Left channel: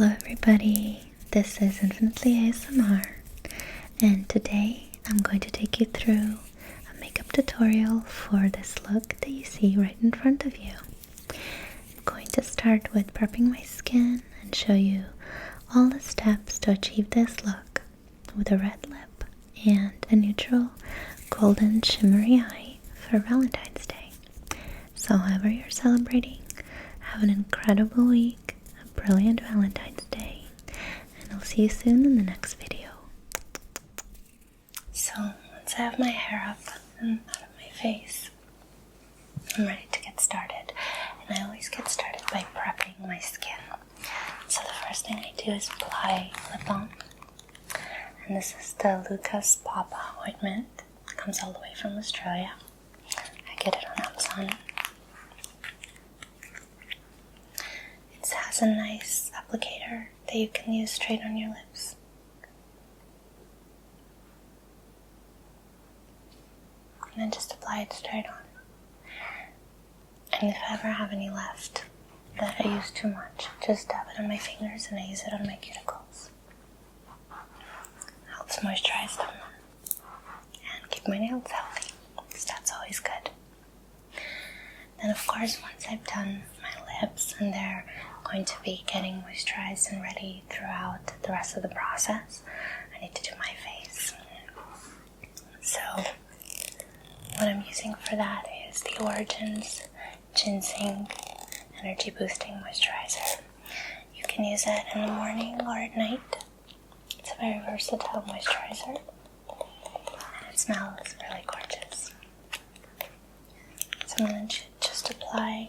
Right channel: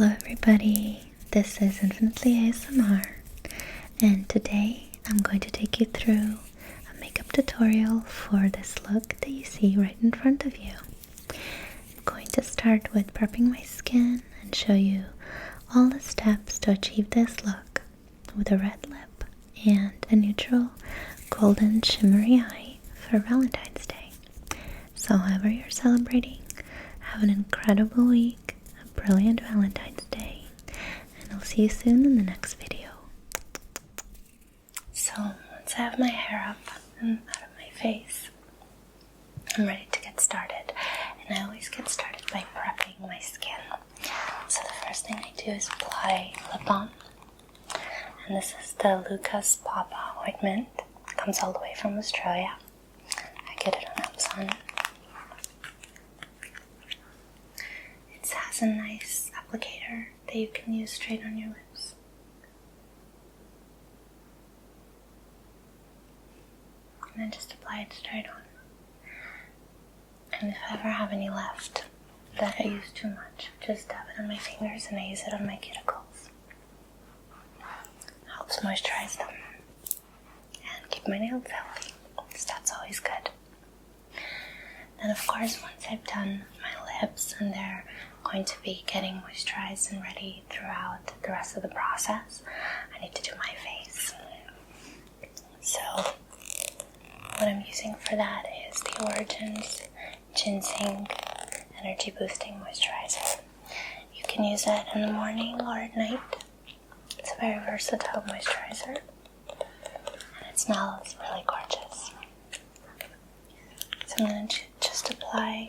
Hello everybody, this is Infinitely ASMR, and today I'm going to take you through a makeup tutorial for this look that you see right in front of you. I'm going to start with prepping my skin and show you all the steps to achieve this look with a red lip and a neutral golden shimmery eye for Valentine's Day. So however you're celebrating, have an incredible week, a brilliant Valentine's Day, and I'll see you soon in the next video. So once I have my hair up and out of my face, I'm ready to get started. And I always get started by prepping my skin. So the first thing I do is apply lip balm. And this is the Lucas Papa ointment. It comes all the way from Australia. I get it on Amazon. It has a nice applicator that you can use straight on your lips. And then just apply it straight on. And if I ever have any left that I use too much, just dab it on my fingers and I use it on my cuticles. Helps moisturize them and keep my nails healthy, because that's always good. Then of course, once I've done my lips and they're going to be getting moisturized and ready throughout the rest of the process, I need to do my face. So what I'm using for that is the Origins Ginseng Energy Boosting Moisturizer. You can use it in the morning or at night. It's a very versatile moisturizer and it smells really gorgeous. So I'm going to just apply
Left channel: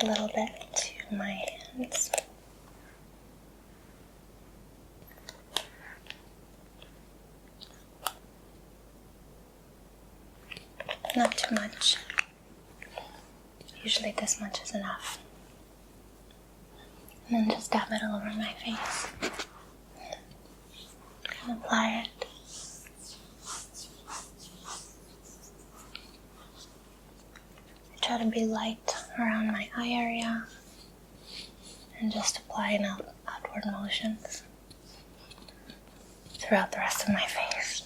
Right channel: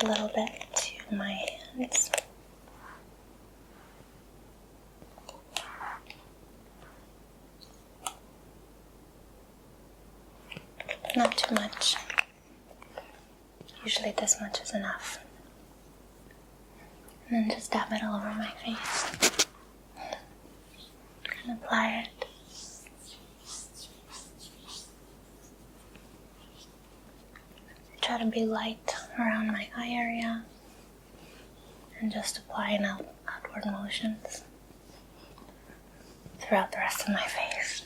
a little bit to my hands. Not too much. Usually this much is enough. And then just dab it all over my face. And apply it. I try to be light around my eye area and just apply in outward motions throughout the rest of my face.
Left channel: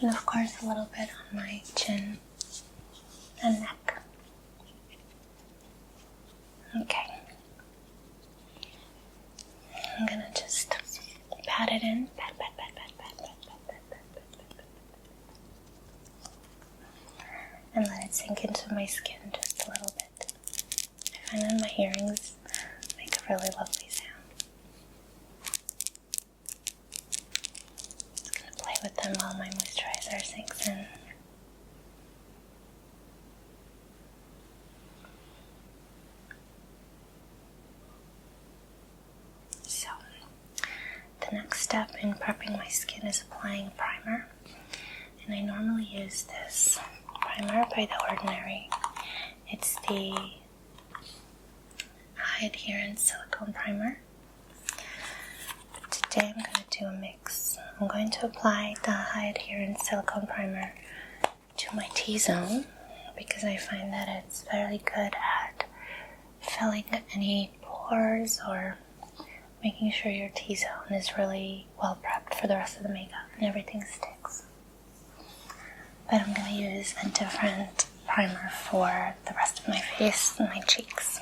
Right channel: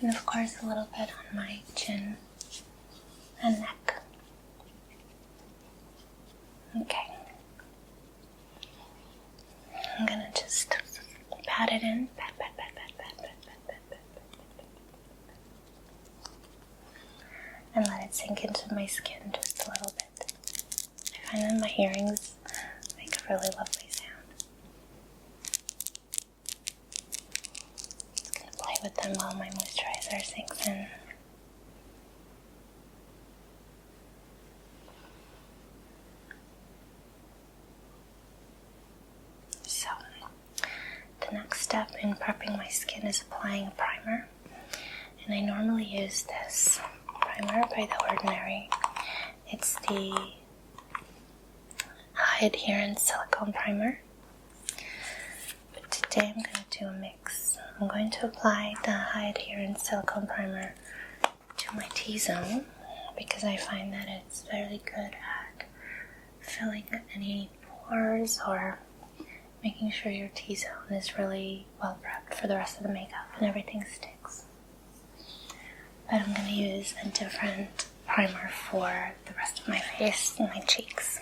And of course a little bit on my chin and neck. Okay. I'm gonna just pat it in. Pat. And let it sink into my skin just a little bit. I find that my earrings make a really lovely sound. Just gonna play with them while my moisturizer sinks in. So, the next step in prepping my skin is applying a primer. And I normally use this primer by The Ordinary. It's the high adherence silicone primer. But today I'm going to do a mix. I'm going to apply the high adherence silicone primer to my T-zone because I find that it's very good at filling any pores or making sure your T-zone is really well prepped for the rest of the makeup and everything sticks. But I'm going to use a different primer for the rest of my face and my cheeks.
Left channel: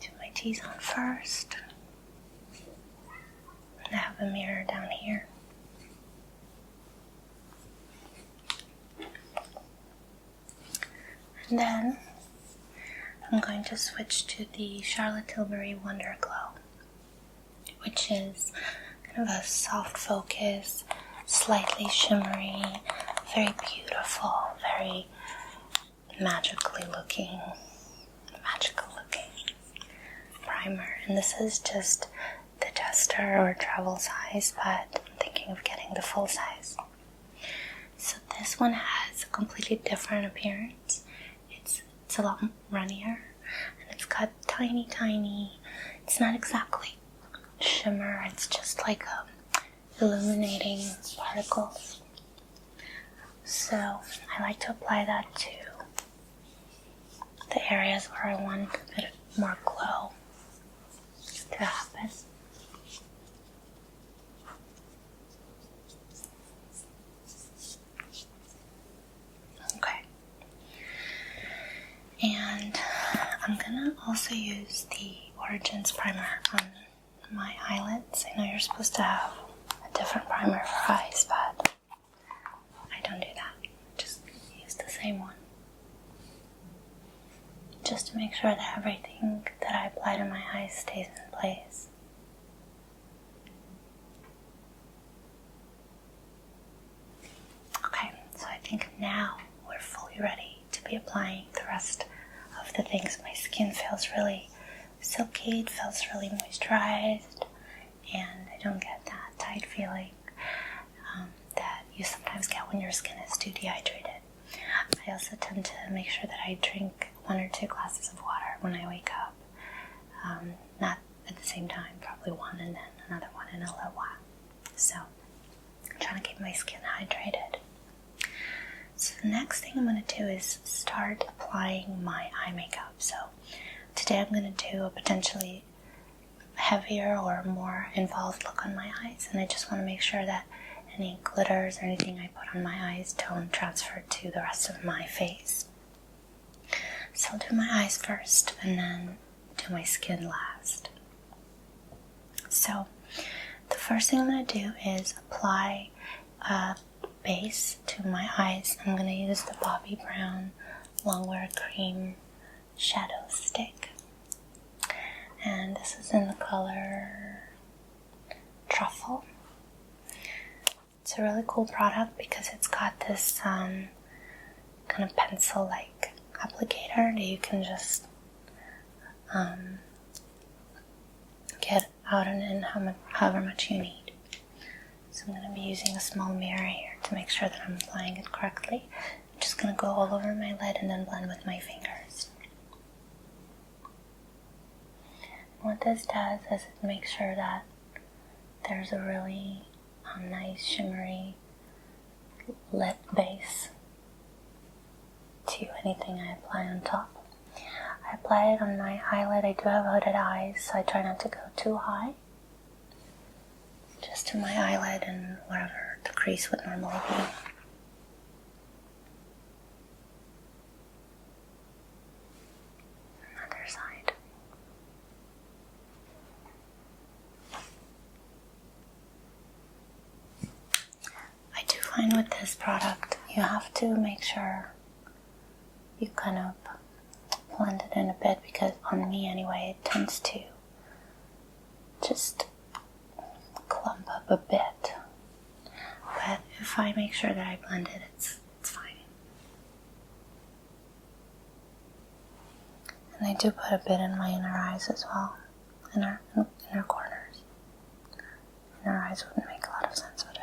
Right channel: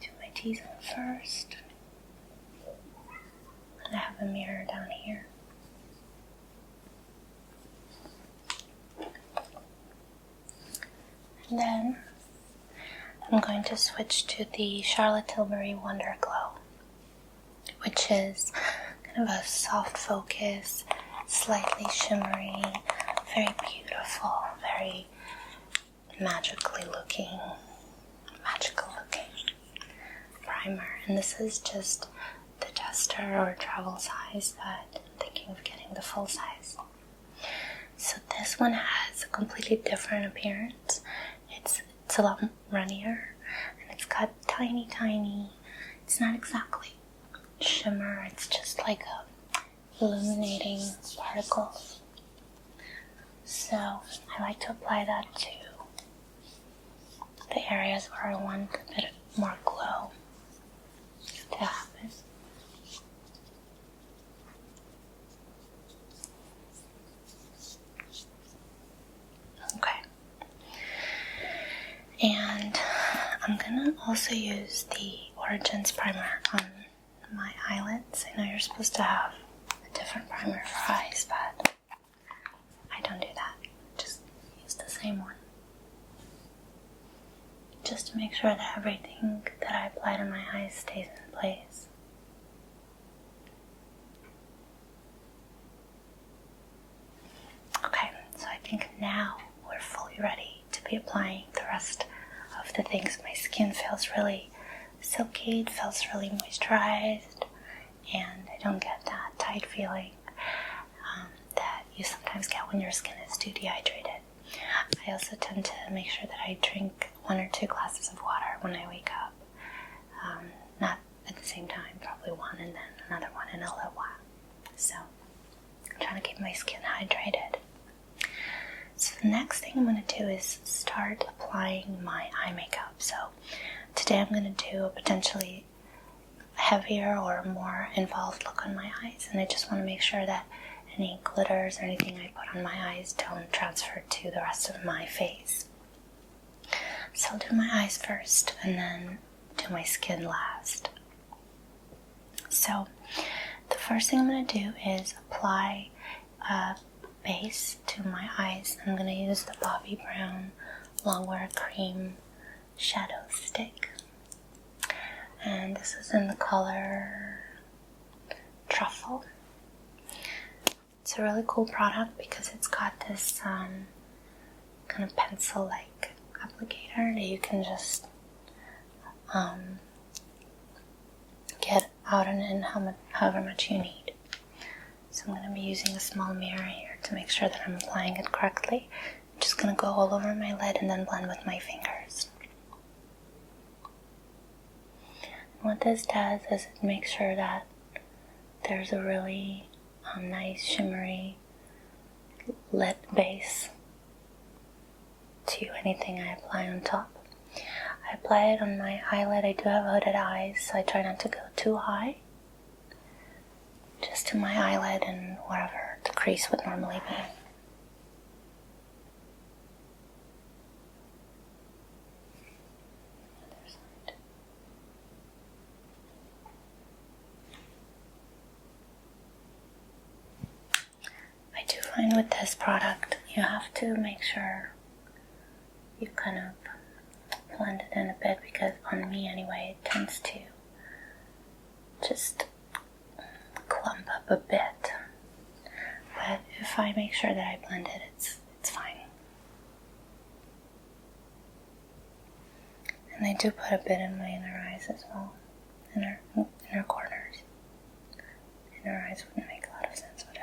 Do my T-zone first. And I have a mirror down here. And then I'm going to switch to the Charlotte Tilbury Wonder Glow, which is kind of a soft focus, slightly shimmery, very beautiful, very magical looking primer. And this is just the tester or travel size, but I'm thinking of getting the full size. So this one has a completely different appearance. It's a lot runnier, and it's got tiny, it's not exactly shimmer, it's just like illuminating particles. So I like to apply that to the areas where I want a bit more glow to happen. Okay. And I'm gonna also use the Origins primer on my eyelids. I know you're supposed to have a different primer for eyes, but I don't do that. Just use the same one. Just to make sure that everything that I apply to my eyes stays in place. Okay, so I think now we're fully ready to be applying the rest of the things. My skin feels really silky, it feels really moisturized, and I don't get that tight feeling that you sometimes get when your skin is too dehydrated. I also tend to make sure that I drink 1 or 2 glasses of water when I wake up. Not at the same time, probably one and then another one in a little while. So I'm trying to keep my skin hydrated. So the next thing I'm going to do is start applying my eye makeup. So today I'm going to do a potentially heavier or more involved look on my eyes, and I just want to make sure that any glitters or anything I put on my eyes don't transfer to the rest of my face. So I'll do my eyes first and then do my skin last. So the first thing I'm going to do is apply a base to my eyes. I'm going to use the Bobbi Brown Longwear Cream Shadow Stick. And this is in the color Truffle. It's a really cool product because it's got this kind of pencil-like applicator that you can just get out and in however much you need. So I'm going to be using a small mirror here to make sure that I'm applying it correctly. I'm just going to go all over my lid and then blend with my fingers. And what this does is it makes sure that there's a really nice shimmery lit base to anything I apply on top. I apply it on my eyelid. I do have hooded eyes, so I try not to go too high. Just to my eyelid and wherever the crease would normally be. Other side. I do find with this product, you have to make sure you kind of blend it in a bit, because on me anyway, it tends to just clump up a bit. But if I make sure that I blend it, it's fine. And I do put a bit in my inner eyes as well, inner corners. Inner eyes wouldn't make a lot of sense with it.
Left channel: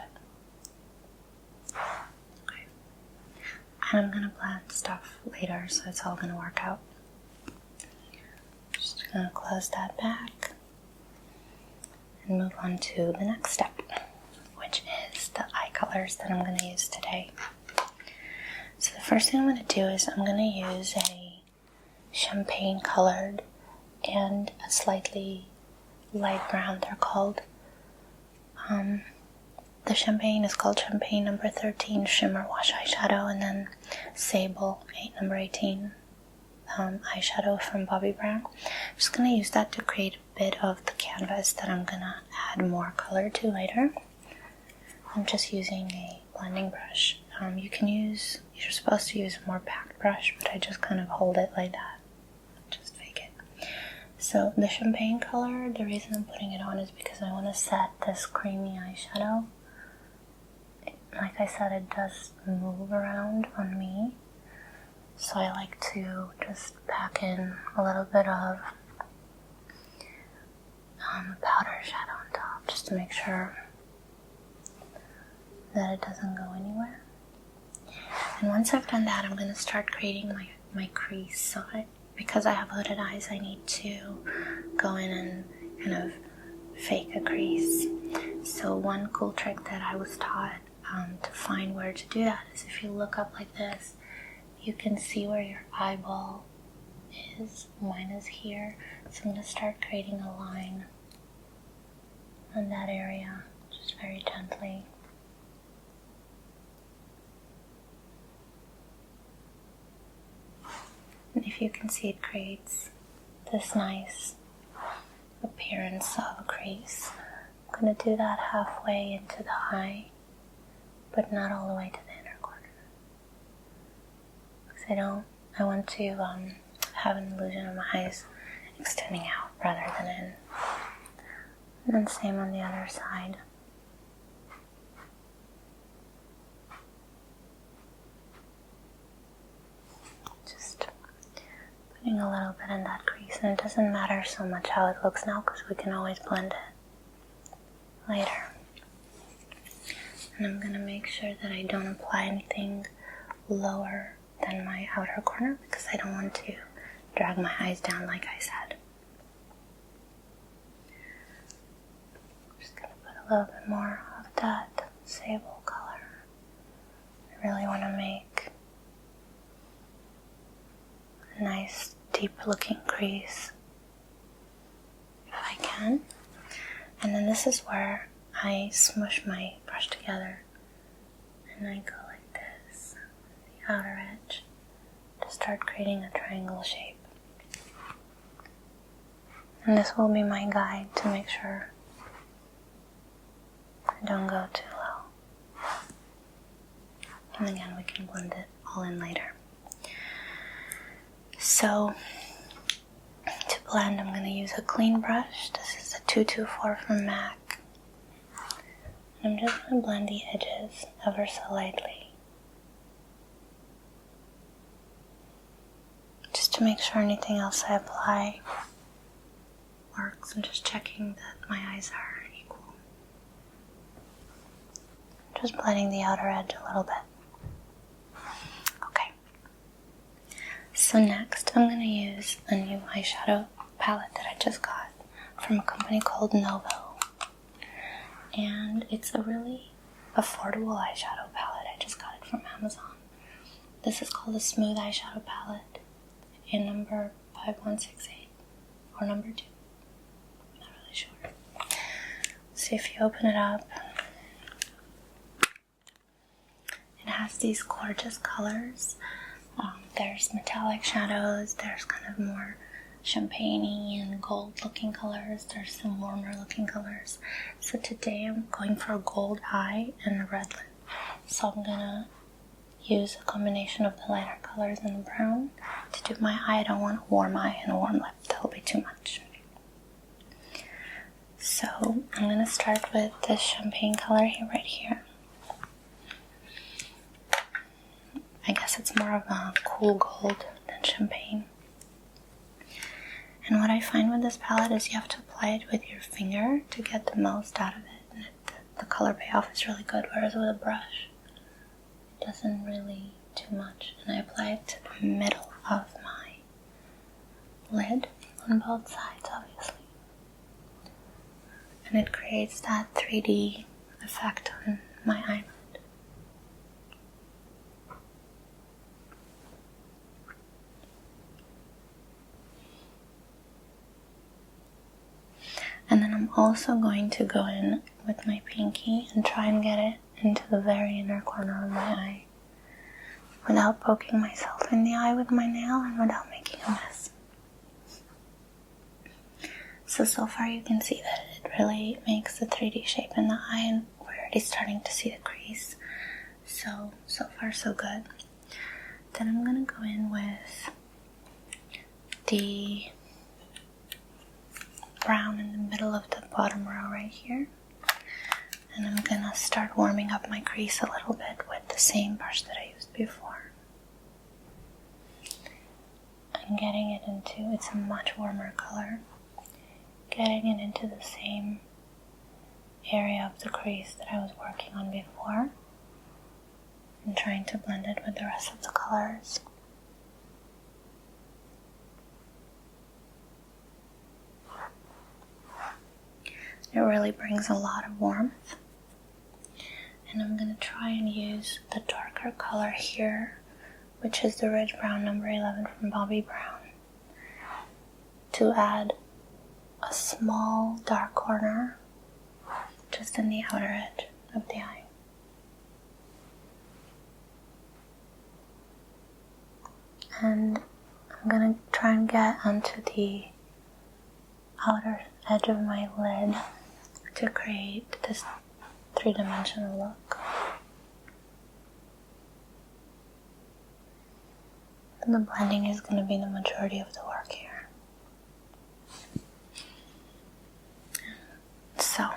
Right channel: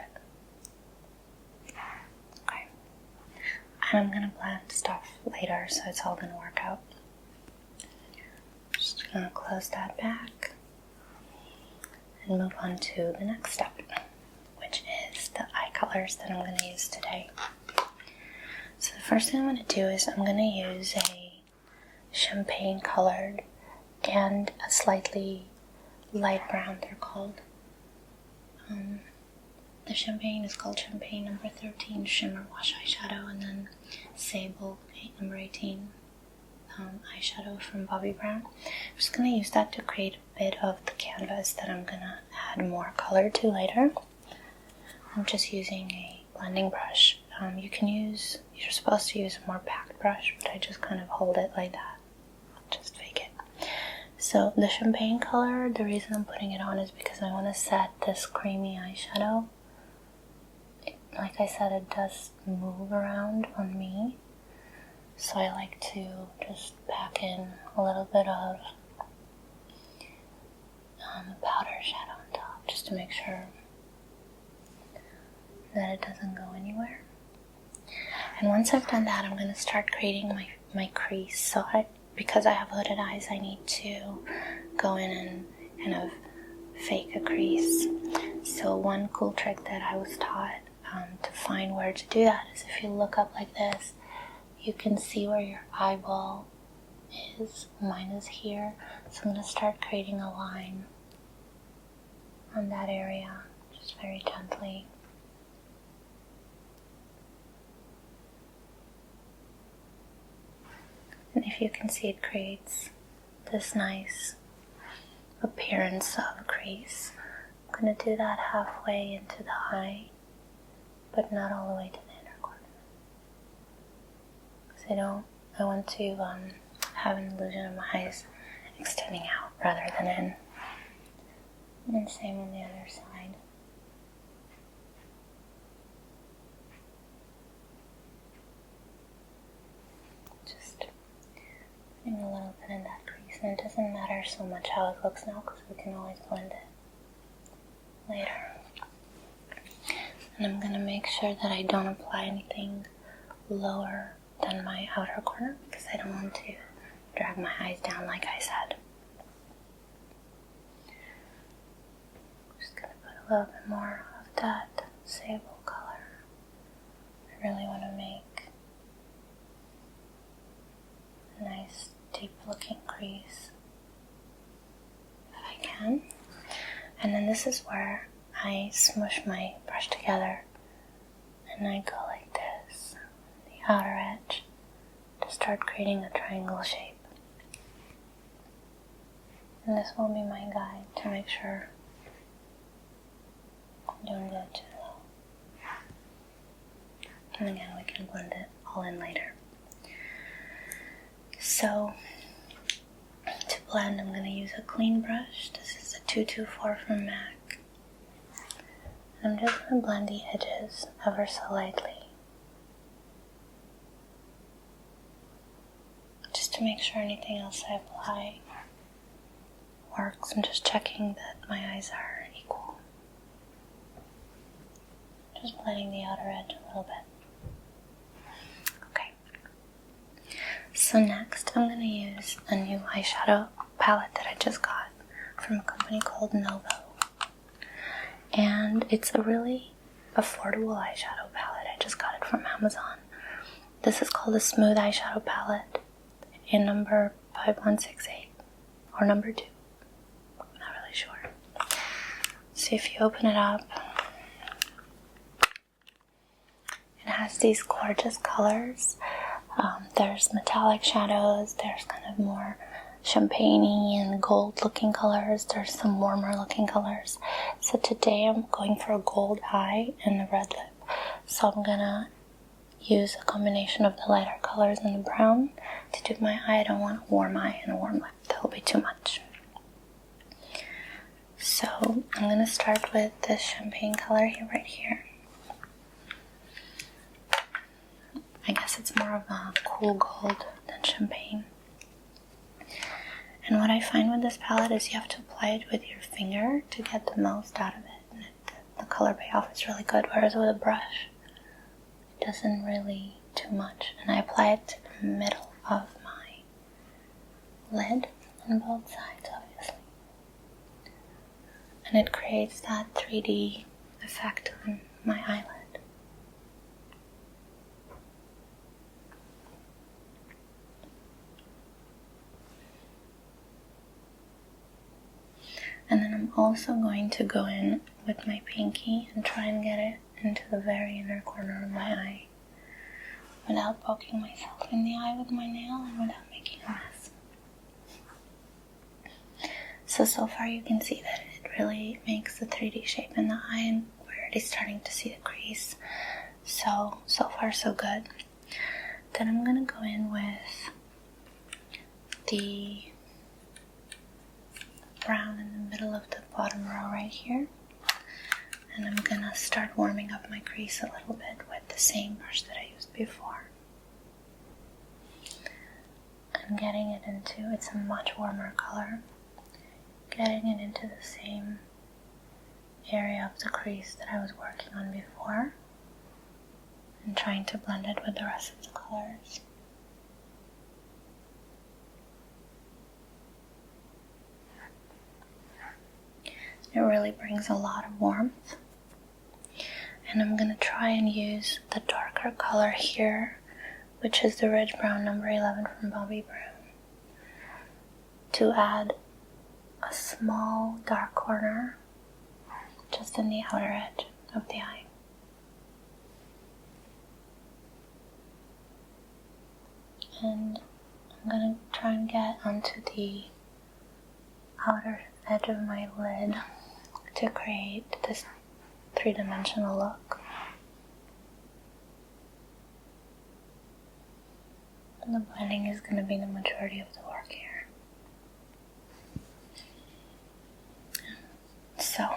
Okay. And I'm going to blend stuff later, so it's all going to work out. Just going to close that back and move on to the next step, which is the eye colors that I'm going to use today. So the first thing I'm going to do is I'm going to use a champagne colored and a slightly light brown. They're called, the champagne is called Champagne number 13 Shimmer Wash Eyeshadow, and then Sable number 18 eyeshadow from Bobbi Brown. I'm just going to use that to create a bit of the canvas that I'm going to add more color to later. I'm just using a blending brush. You're supposed to use a more packed brush, but I just kind of hold it like that. Just fake it. So the champagne color, the reason I'm putting it on is because I want to set this creamy eyeshadow. Like I said, it does move around on me. So I like to just pack in a little bit of powder shadow on top, just to make sure that it doesn't go anywhere. And once I've done that, I'm going to start creating my crease. So because I have hooded eyes, I need to go in and kind of fake a crease. So one cool trick that I was taught to find where to do that is if you look up like this, you can see where your eyeball is, mine is here. So I'm going to start creating a line on that area, just very gently. And if you can see, it creates this nice appearance of a crease. I'm going to do that halfway into the eye, but not all the way to the inner corner. Because I want to have an illusion of my eyes extending out rather than in. And then same on the other side. Just putting a little bit in that crease, and it doesn't matter so much how it looks now because we can always blend it later. And I'm going to make sure that I don't apply anything lower than my outer corner because I don't want to drag my eyes down like I said. I'm just going to put a little bit more of that sable color. I really want to make a nice deep looking crease if I can. And then this is where I smush my brush together and I go like this, the outer edge, to start creating a triangle shape. And this will be my guide to make sure I don't go too low. And again, we can blend it all in later. So, to blend, I'm going to use a clean brush. This is a 224 from MAC. And I'm just going to blend the edges ever so lightly, just to make sure anything else I apply works. I'm just checking that my eyes are equal. Just blending the outer edge a little bit. Okay. So next I'm going to use a new eyeshadow palette that I just got from a company called Novo. And it's a really affordable eyeshadow palette. I just got it from Amazon. This is called a Smooth Eyeshadow Palette in number 5168 or number 2. I'm not really sure. So if you open it up, it has these gorgeous colors. There's metallic shadows, there's kind of more champagne-y and gold looking colors, there's some warmer looking colors. So today I'm going for a gold eye and a red lip. So I'm gonna use a combination of the lighter colors and the brown to do my eye. I don't want a warm eye and a warm lip, that'll be too much. So I'm gonna start with this champagne color here, right here. I guess it's more of a cool gold than champagne. And what I find with this palette is you have to apply it with your finger to get the most out of it. And the color payoff is really good, whereas with a brush, it doesn't really do much. And I apply it to the middle of my lid on both sides, obviously. And it creates that 3D effect on my eyelid. And then I'm also going to go in with my pinky and try and get it into the very inner corner of my eye without poking myself in the eye with my nail and without making a mess. So far you can see that it really makes the 3D shape in the eye, and we're already starting to see the crease. So far so good. Then I'm going to go in with the brown in the middle of the bottom row right here. And I'm going to start warming up my crease a little bit with the same brush that I used before. And getting it into, it's a much warmer color, getting it into the same area of the crease that I was working on before, and trying to blend it with the rest of the colors. It really brings a lot of warmth. And I'm going to try and use the darker color here, which is the Ridge Brown number 11 from Bobbi Brown. to add a small dark corner just in the outer edge of the eye. And I'm going to try and get onto the outer edge of my lid to create this three-dimensional look. And the blending is going to be the majority of the work here. So,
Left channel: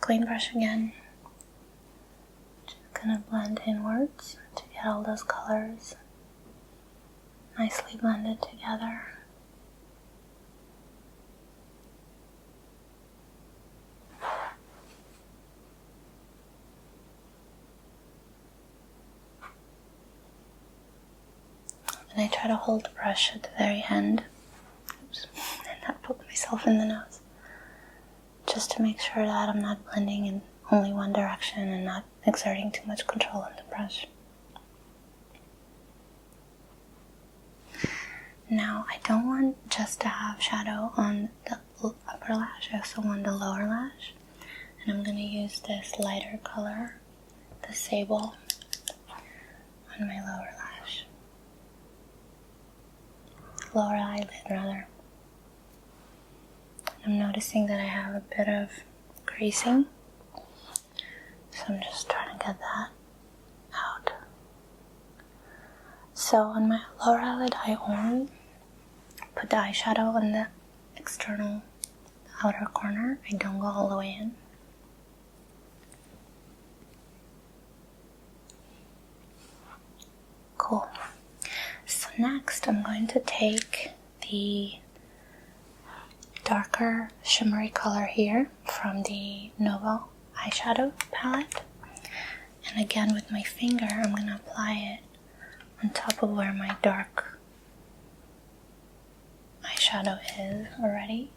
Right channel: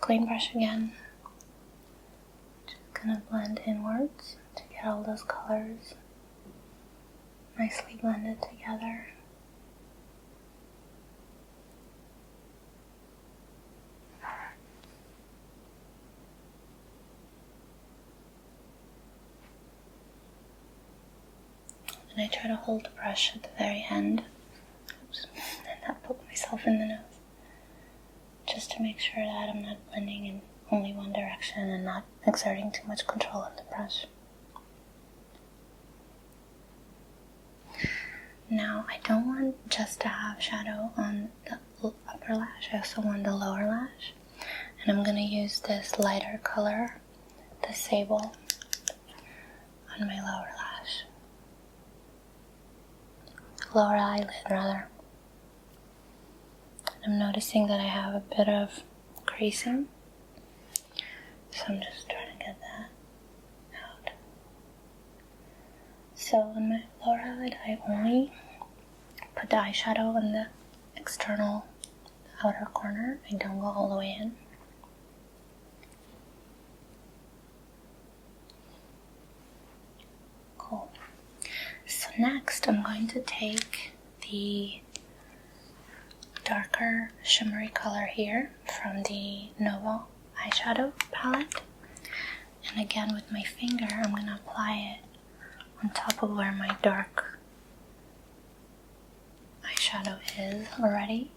clean brush again. Just going to blend inwards to get all those colors nicely blended together. And I try to hold the brush at the very end, and not poke myself in the nose, just to make sure that I'm not blending in only one direction and not exerting too much control on the brush. Now, I don't want just to have shadow on the upper lash, I also want the lower lash, and I'm going to use this lighter color, the sable, on my lower eyelid rather. And I'm noticing that I have a bit of creasing, so I'm just trying to get that out. So on my lower eyelid, I only put the eyeshadow on the external outer corner. I don't go all the way in. Cool. So next I'm going to take the darker shimmery color here from the Novo eyeshadow palette, and again with my finger I'm going to apply it on top of where my dark eyeshadow is already,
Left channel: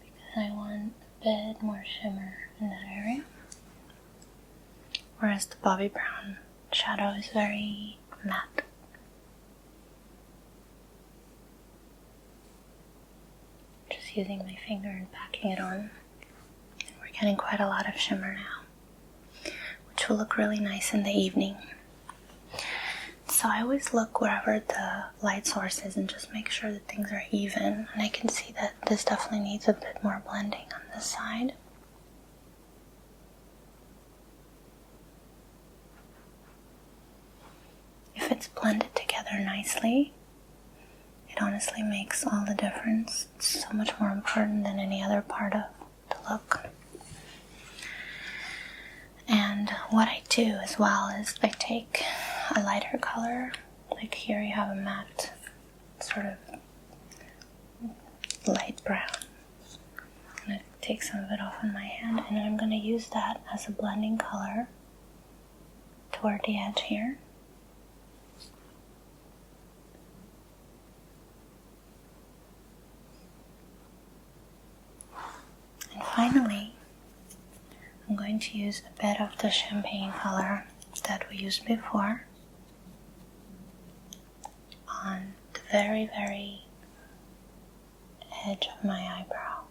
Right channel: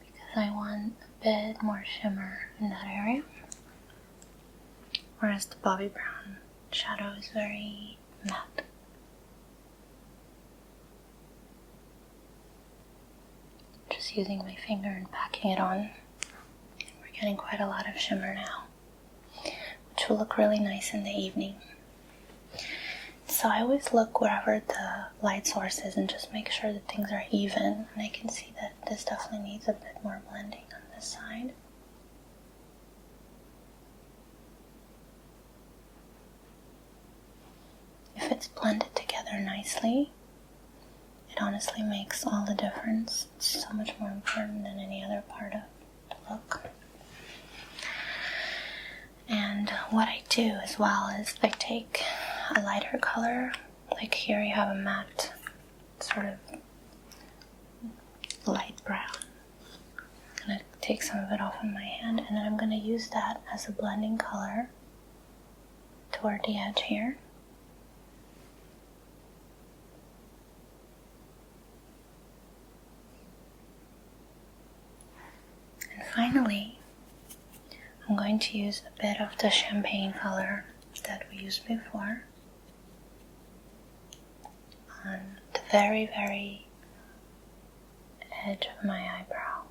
because I want a bit more shimmer in that area, whereas the Bobbi Brown shadow is very matte. Just using my finger and packing it on. And we're getting quite a lot of shimmer now, which will look really nice in the evening. So I always look wherever the light source is and just make sure that things are even. And I can see that this definitely needs a bit more blending on this side. If it's blended together nicely, it honestly makes all the difference. It's so much more important than any other part of the look. And what I do as well is I take a lighter color, like here you have a matte sort of light brown. I'm going to take some of it off on my hand, and then I'm going to use that as a blending color toward the edge here. And finally, I'm going to use a bit of the champagne color that we used before on the very, very edge of my eyebrow.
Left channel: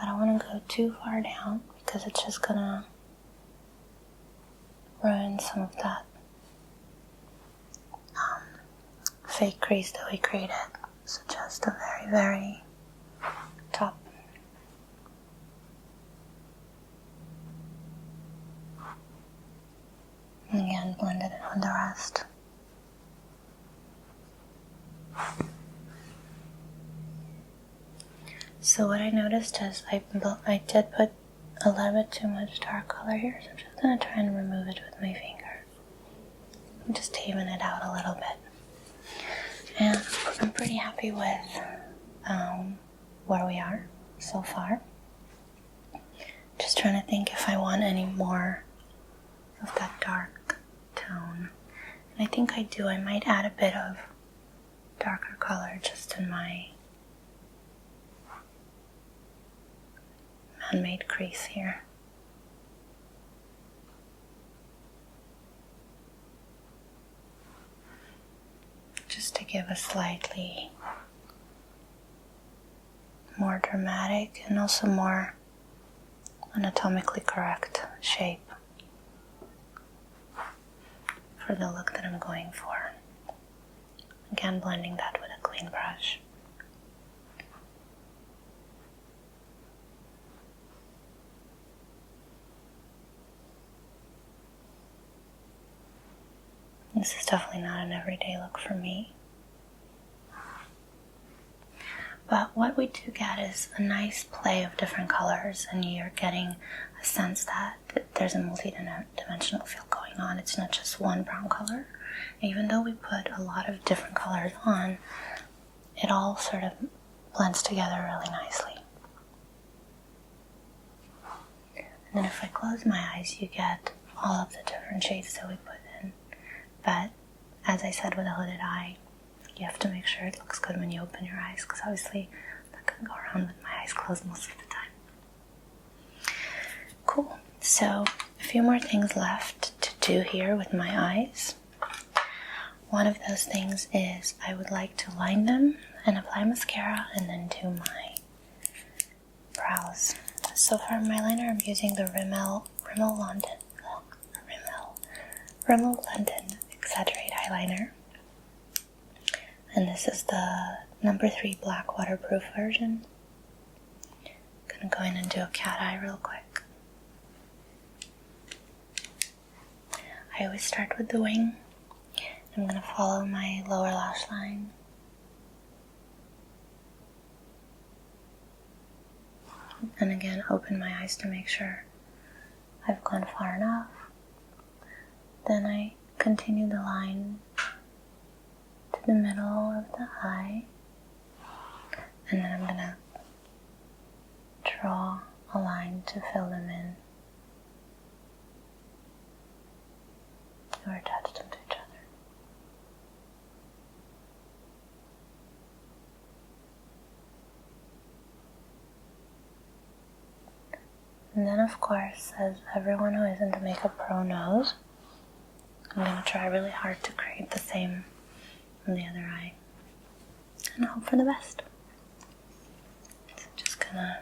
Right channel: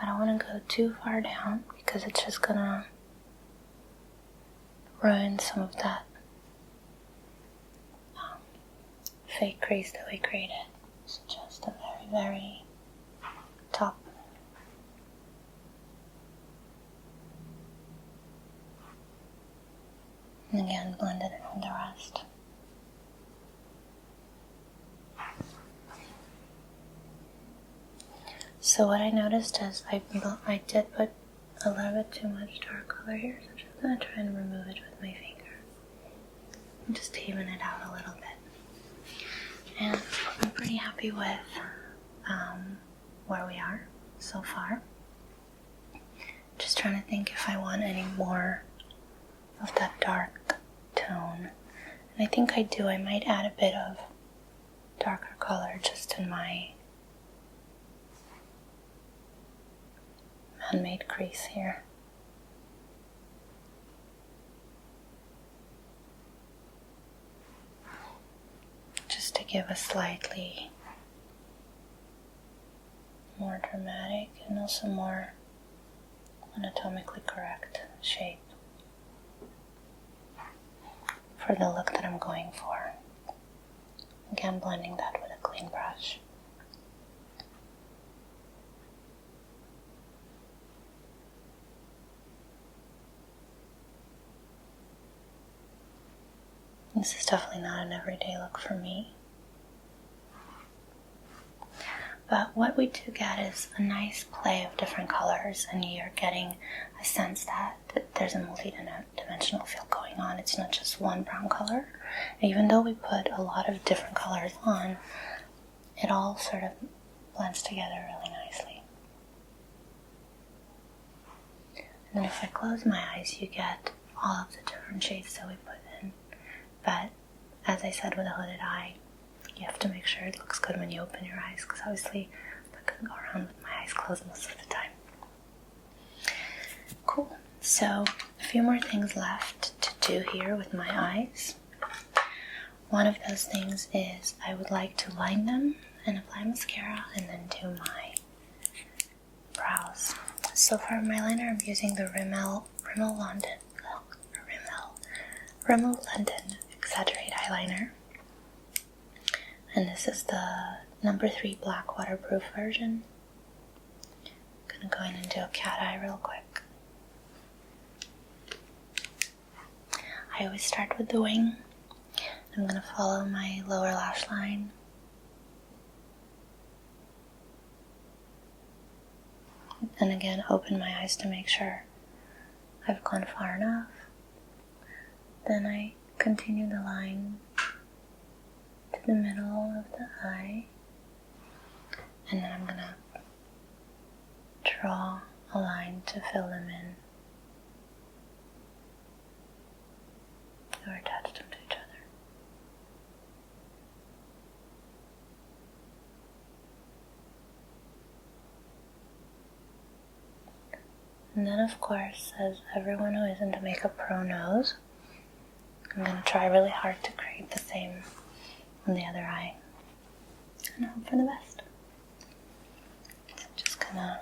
I don't want to go too far down because it's just gonna ruin some of that fake crease that we created. So just a very, very top. And again, blended it on the rest. So what I noticed is I did put a little bit too much dark color here, so I'm just going to try and remove it with my finger. And just even it out a little bit. And I'm pretty happy with where we are so far. Just trying to think if I want any more of that dark tone. And I think I do. I might add a bit of darker color just in my man-made crease here. Just to give a slightly more dramatic and also more anatomically correct shape for the look that I'm going for. Again, blending that with a clean brush. This is definitely not an everyday look for me. But what we do get is a nice play of different colors, and you're getting a sense that there's a multi-dimensional feel going on. It's not just one brown color. Even though we put a lot of different colors on, it all sort of blends together really nicely. And then if I close my eyes, you get all of the different shades that we put in. But as I said with a hooded eye, you have to make sure it looks good when you open your eyes, because obviously I'm not going to go around with my eyes closed most of the time. Cool. So a few more things left to do here with my eyes. One of those things is I would like to line them and apply mascara and then do my brows. So for my liner, I'm using the Rimmel London Exaggerate eyeliner. And this is the number 3 black waterproof version. I'm going to go in and do a cat eye real quick. I always start with the wing. I'm going to follow my lower lash line. And again, open my eyes to make sure I've gone far enough. Then I continue the line to the middle of the eye, and then I'm going to draw a line to fill them in or attach them to each other. And then, of course, as everyone who isn't a makeup pro knows, I'm going to try really hard to create the same on the other eye and hope for the best. So I'm just going to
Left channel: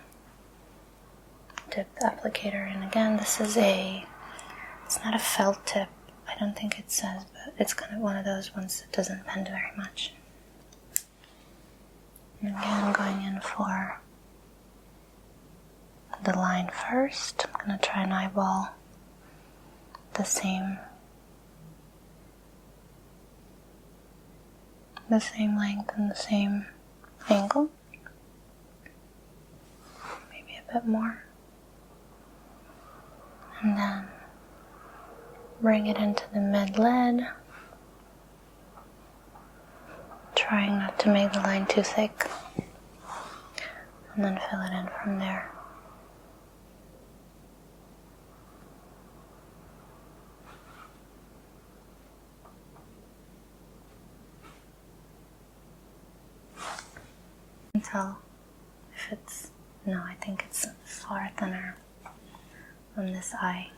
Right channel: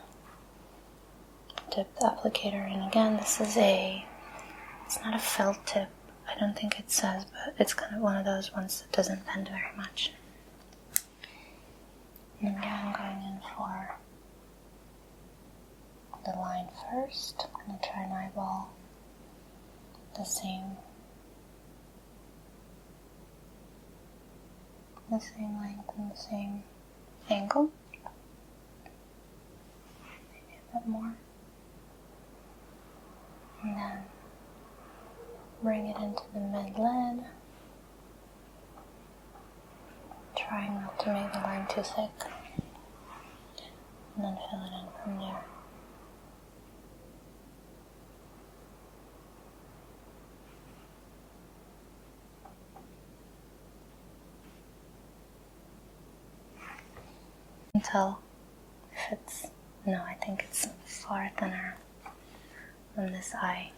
dip the applicator in again. This is it's not a felt tip, I don't think it says, but it's kind of one of those ones that doesn't bend very much. And again, going in for the line first. I'm going to try and eyeball the same length and the same angle. Maybe a bit more. And then bring it into the mid-lid, trying not to make the line too thick, and then fill it in from there. Tell if I think it's far thinner on this eye.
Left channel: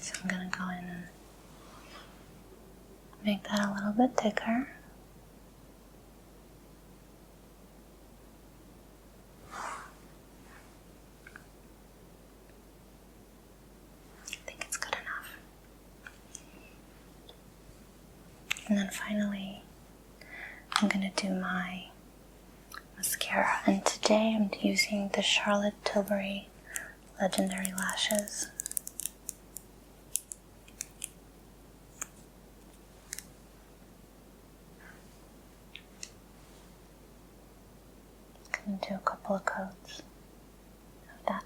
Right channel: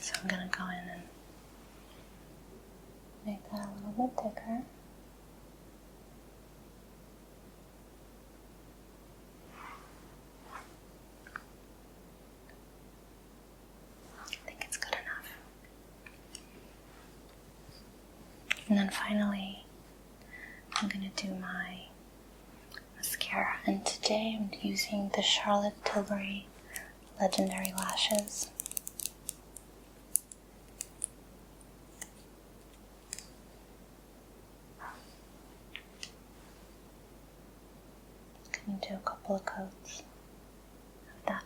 So I'm going to go in and make that a little bit thicker. I think it's good enough. And then finally, I'm going to do my mascara. And today I'm using the Charlotte Tilbury Legendary Lashes. I'm going to do a couple of coats of that.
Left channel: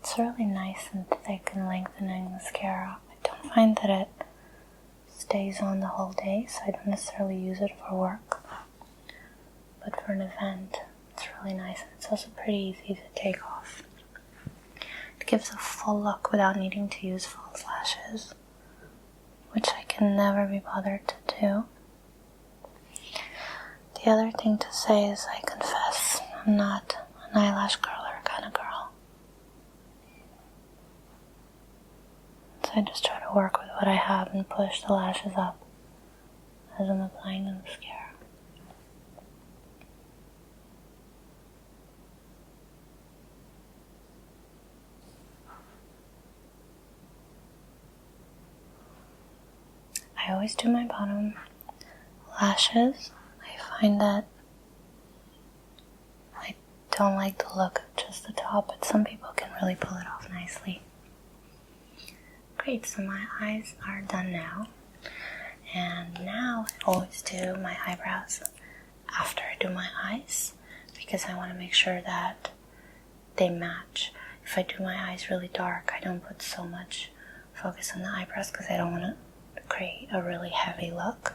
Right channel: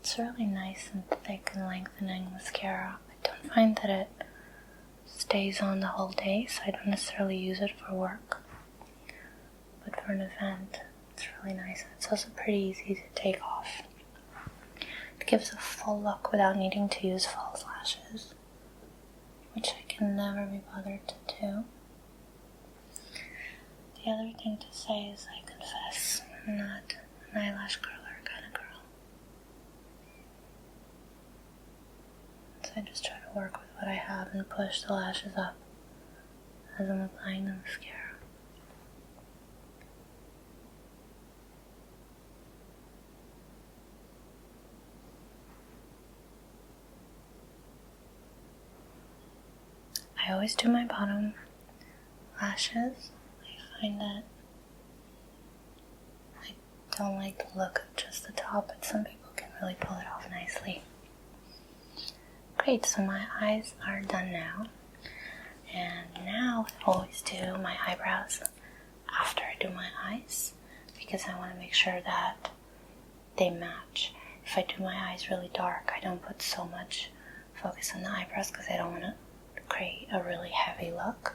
It's really nice and thick and lengthening mascara. I don't find that it stays on the whole day, so I don't necessarily use it for work. But for an event, it's really nice, and it's also pretty easy to take off. It gives a full look without needing to use false lashes, which I can never be bothered to do. The other thing to say is I confess I'm not an eyelash curler kind of girl. So I just try to work with what I have and push the lashes up as I'm applying the mascara. I always do my bottom lashes. I find that I don't like the look of just the top, but some people can really pull it off nicely. Great, so my eyes are done now. And now I always do my eyebrows after I do my eyes because I want to make sure that they match. If I do my eyes really dark, I don't put so much focus on the eyebrows because I don't want to create a really heavy look.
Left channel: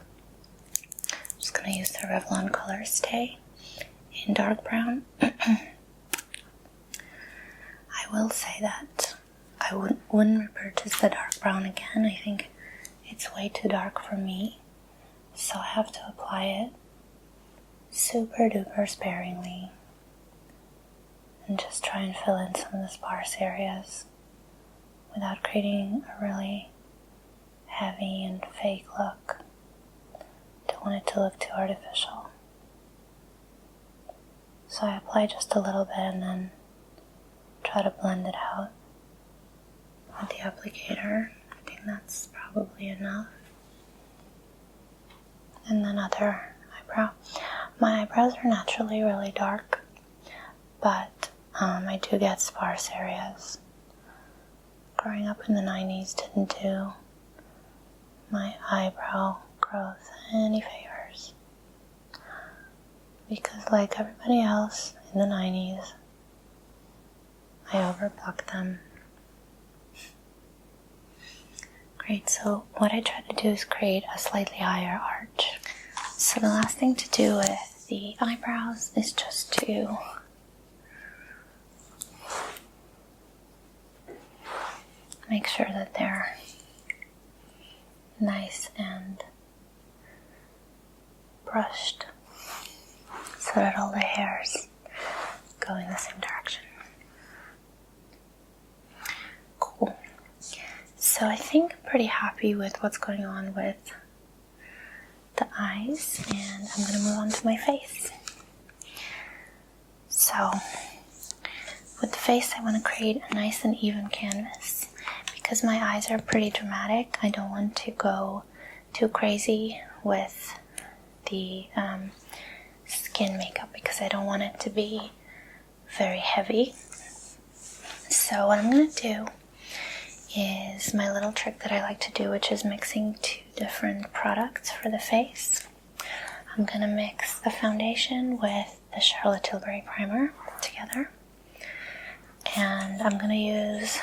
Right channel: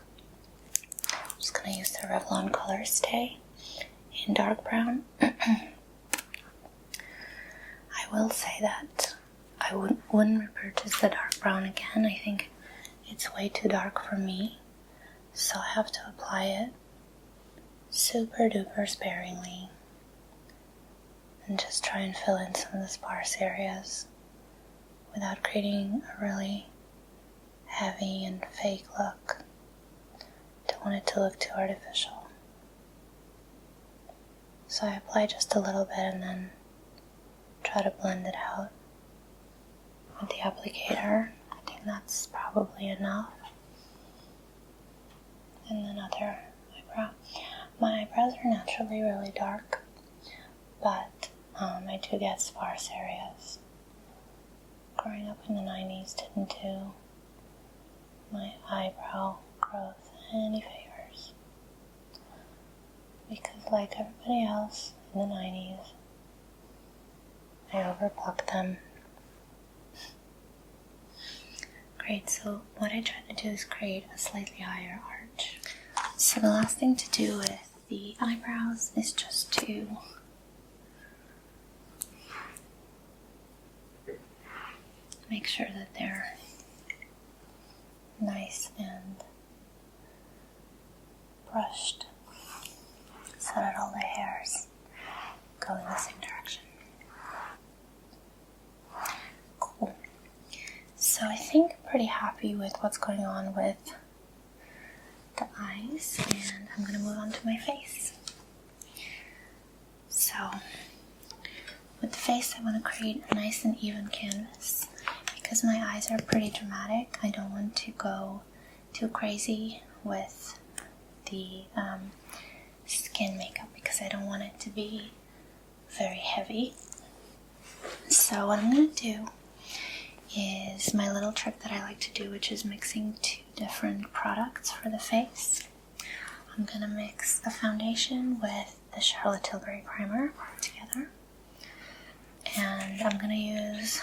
I'm just going to use the Revlon Color Stay in dark brown. I will say that I wouldn't repurchase the dark brown again. I think it's way too dark for me, so I have to apply it super duper sparingly and just try and fill in some of the sparse areas without creating a really heavy and fake look. Don't want it to look too artificial. So I apply just a little bit and then try to blend it out with the applicator. I think that's probably enough. And then other eyebrow. My eyebrows are naturally really dark, but I do get sparse areas. Growing up in the 90s didn't do my eyebrow growth any favors, because like everybody else in the 90s, I overplucked them. Great, so what I try to do is create a slightly higher arch. So the last thing to do with the eyebrows is just to make sure that they're nice and brushed so that all the hairs go in the same direction. Cool. So I think I'm pretty happy with what's going on with the eyes, and I'm going to move on to my face. So with the face, I want to create a nice and even canvas. Because my eyes are pretty dramatic, I don't want to go too crazy with the skin makeup because I don't want it to be very heavy. So what I'm going to do is my little trick that I like to do, which is mixing two different products for the face. I'm going to mix a foundation with the Charlotte Tilbury primer together. And I'm going to use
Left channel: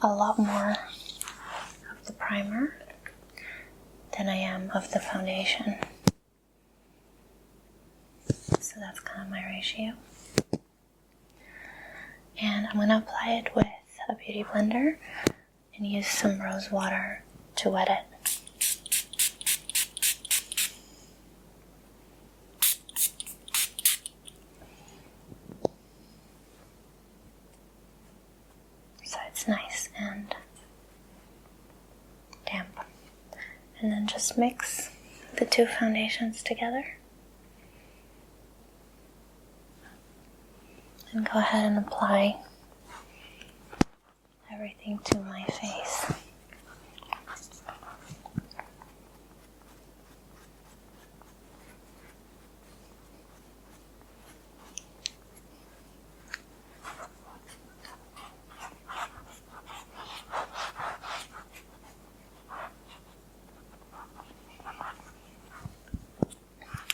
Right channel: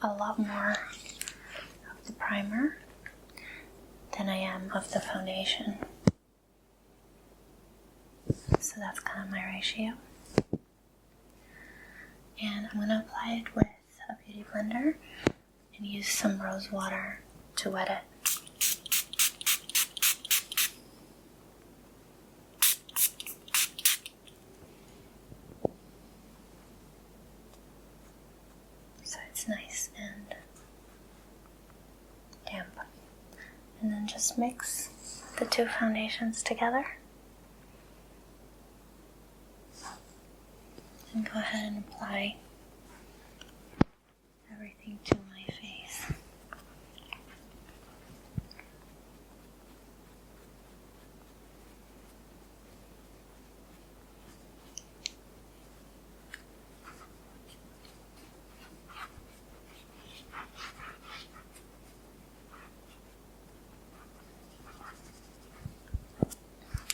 a lot more of the primer than I am of the foundation. So that's kind of my ratio. And I'm going to apply it with a beauty blender and use some rose water to wet it. So it's nice and damp. And then just mix the two foundations together. And go ahead and apply everything to my face.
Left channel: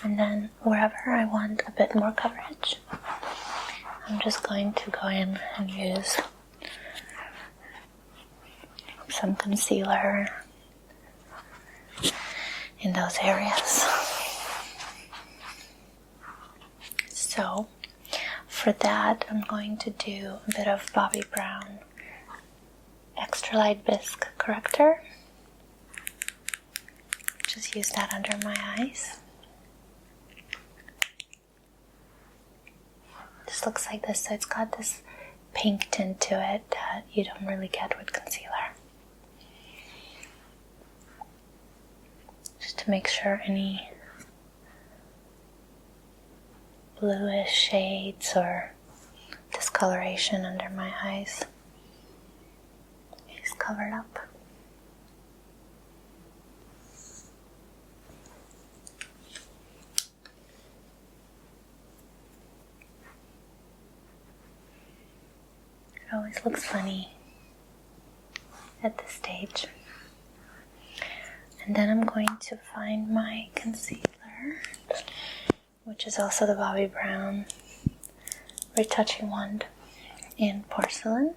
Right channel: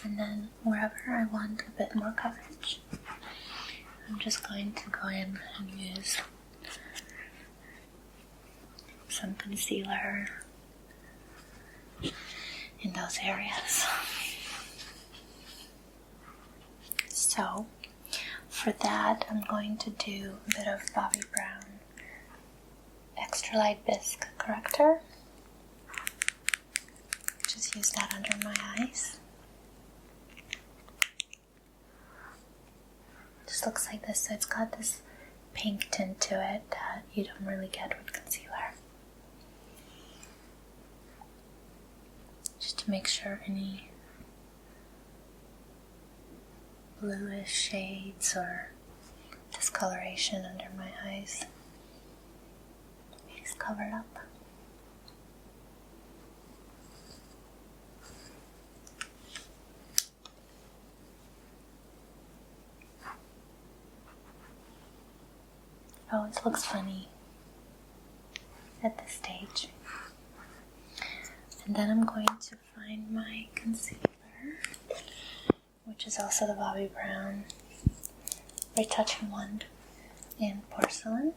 And then wherever I want a bit more coverage, I'm just going to go in and use some concealer in those areas. So for that, I'm going to do a bit of Bobbi Brown Extra Light Bisque Corrector. Just use that under my eyes. Just looks like this. So it's got this pink tint to it that you don't really get with concealer. Just to make sure any bluish shades or discoloration under my eyes is covered up. It always looks funny at this stage. And then I'm going to find my concealer, which is also the Bobbi Brown Retouching Wand in porcelain.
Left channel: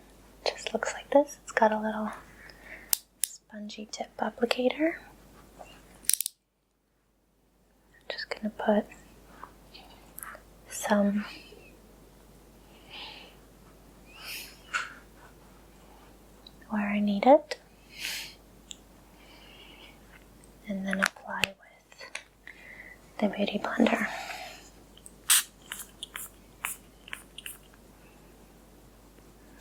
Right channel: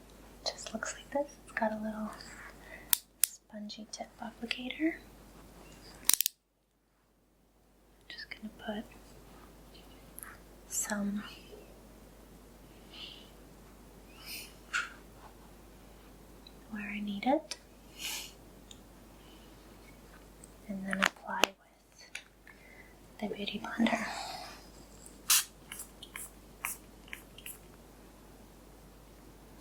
Just looks like this. It's got a little spongy tip applicator. I'm just going to put some where I need it, and then apply with the Beauty Blender.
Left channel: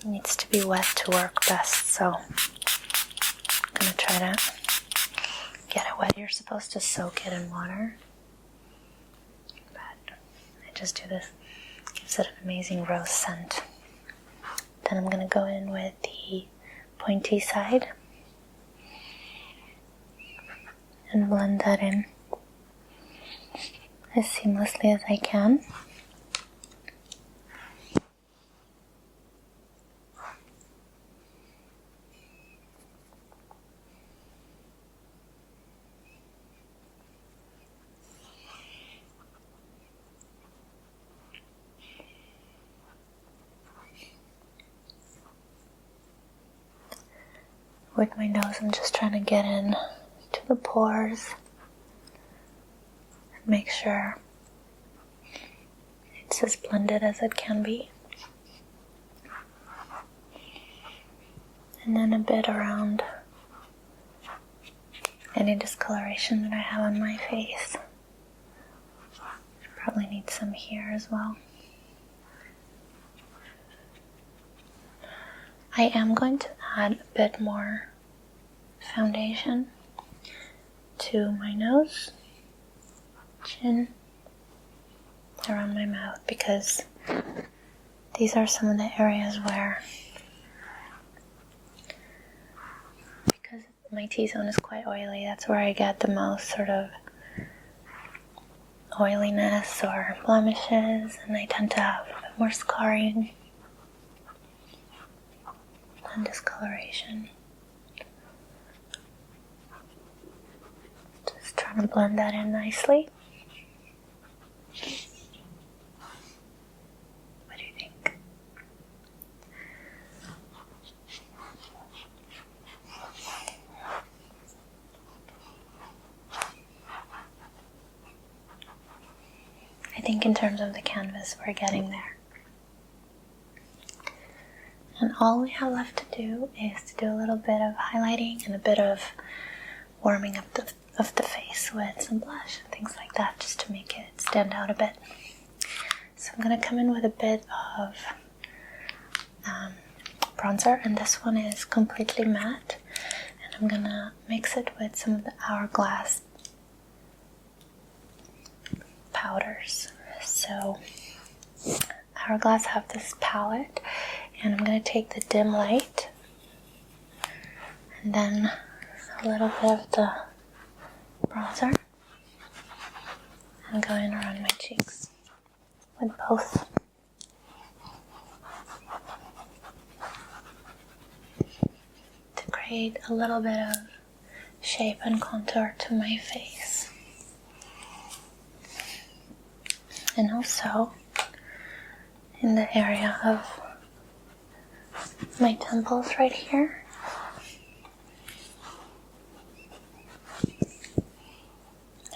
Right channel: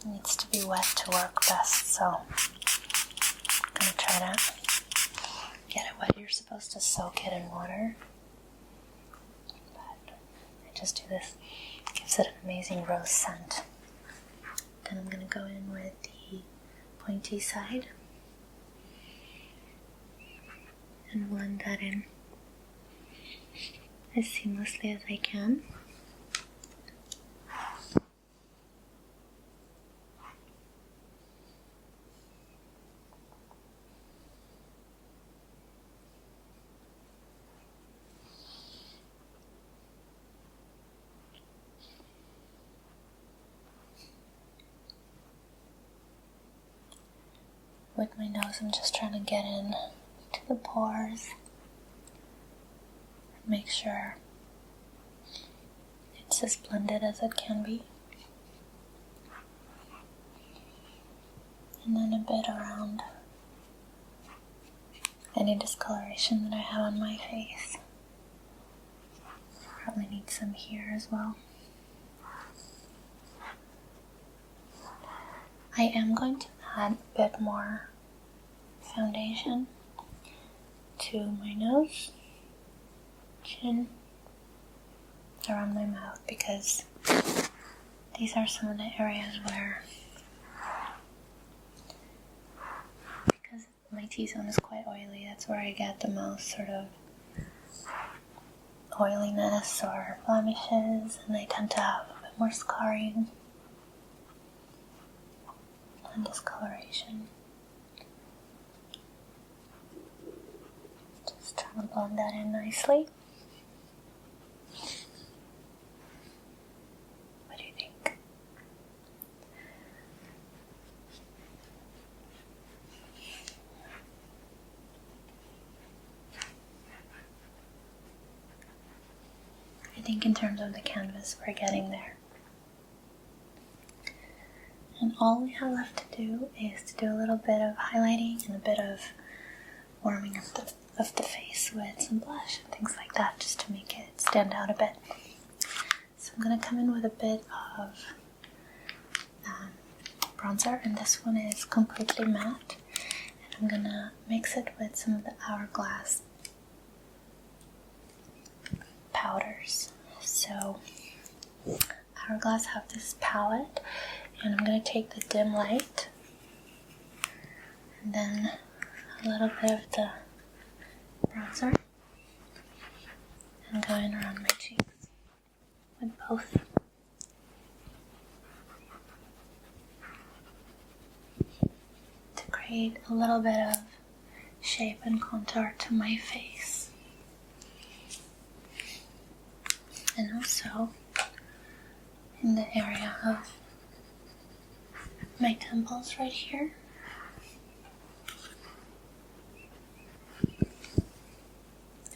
It needs to be wet to work best, so I'm going to try to get it wet. You're supposed to soak it in water, but I just do this. It gives it an amazing rose scent. Then I'm going to go in with the pointy side and blend that in as seamlessly as I can. With my nose, I'm just trying to get in to the pores and make sure it's as blended as it can be. And then a bit around any discoloration that I have on my face. Probably need some here as well. I am going to add a bit more foundation to my nose, chin, around my mouth, because these are some of the areas where, because my T-zone is quite oily, that's where I get the most sort of oiliness or blemishes, and I tend to have a bit more scarring and discoloration. Just trying to blend that in nicely. What do you think? I think in terms of the canvas, we're getting there. And all we have left to do is to do a little bit of highlighting and a bit of warming up of the face with some blush and things like that, just to make it stand out a bit. So I'm going to come in with a bit of bronzer, and this one is completely matte. And I'm going to mix it with some of the Hourglass powders. So Hourglass have this palette, and I'm going to take the dim light and then a little bit of the bronzer and go in around my cheeks with both. To create a little bit of shape and contour to my face. And also in the area of my temples right here.